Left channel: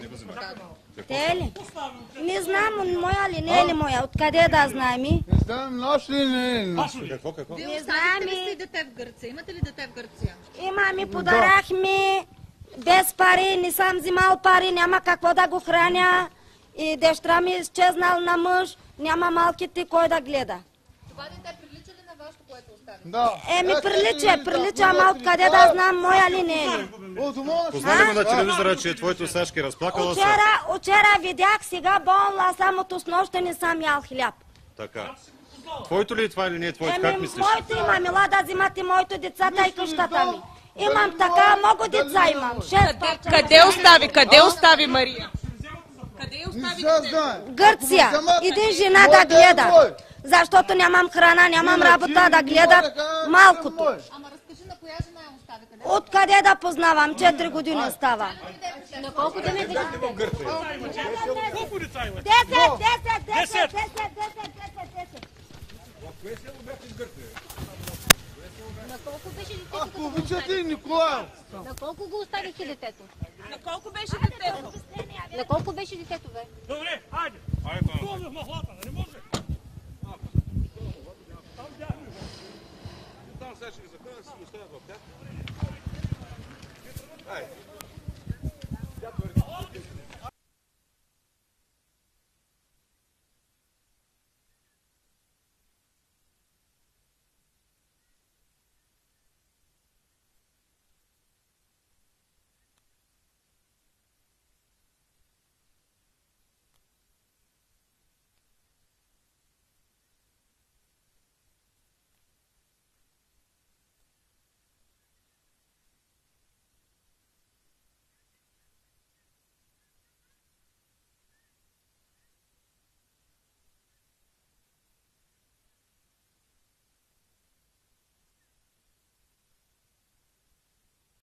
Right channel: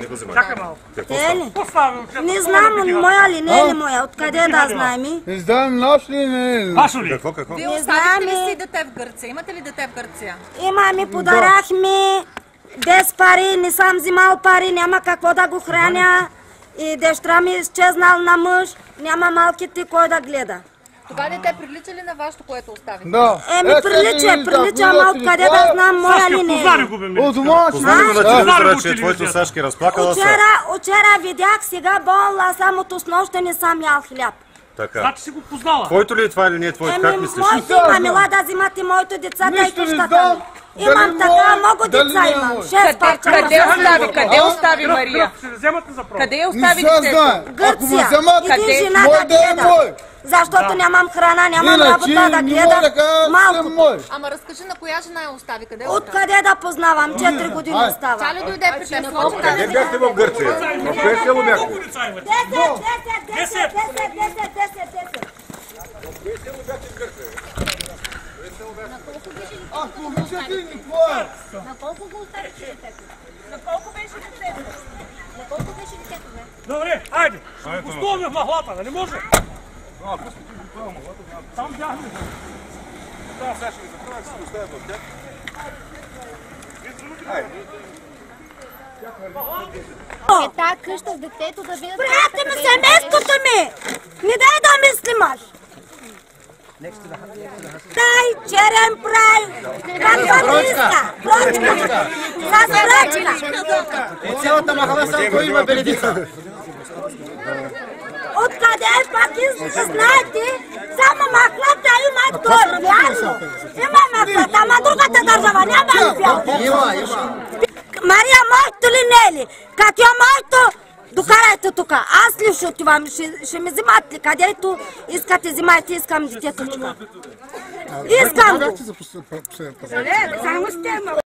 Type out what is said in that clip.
Не го взимай. Чакай малко. Не знам, моя ли, не е ли моя, откъде да знаем? Не знам, наш ли, не. Вашо ли? Какво? Вие оставихте ли си дете в Гърция? Имате ли дете в Гърция? Имаме, подарахме без пари, не съм взимал пари, няма какво да го храня. И дъщеря ми изчезнал на мъж, няма малките кой да гледа. Това дете прилича ли на вашето, което оставихте? Да. Прилича, ама откъде да знам моя ли не Познали е. го бе ми. От дома си. Познали го на телевизора, че телевизора. твоето Сашки разплакала се. Вчера видях, сега болна, само от снощи не съм ял хляб. Така. Значи си го познала. Твоето ли е това или не е твоето? Как мислиш? Мила да взимате моите деца, дай Нищо не къщата знам. ми. Имам така, много деца имам. 6 парчета. Къде остави Мария? Ще вземат ли за права? Къде остави детето? Гърция. Иди жена да гледа. Защото нямам храна, нямам работа да гледам малко. Ама разкажи на коя жена я остави? Къде Откъде да познавам? 4 години става. Тя ли дойде при теб? Не бяхте в Гърция. В кое село бяхте? 10. Ако обичате, Николай. На колко го оставихте детето? На колко беше детето? На колко беше детето, бе? Добре, хайде. Пустуваме в махлата, да не може? Там бяхме. Да, сега ще ги затворя, ще ги оставя в тях. Е тази къща с детето да видят... Приятели ми, семейството ми! Не дай да мислимаш! Дай, черен прай! Каква иска? Прочка! С прочка! От цялата махала само кой има беледица. Откъде пак знаете? Само махлата има той, вярно! Има махлата, ама другата държава няма ли бял? Има. Мария, моето ли не е ли? Как е моето? Докарайте тук. Аз ли ще отивам? Ще ми взимат ли? Където искате, взимайте, искам детето. Искам го. Как ти за последен път? Само ще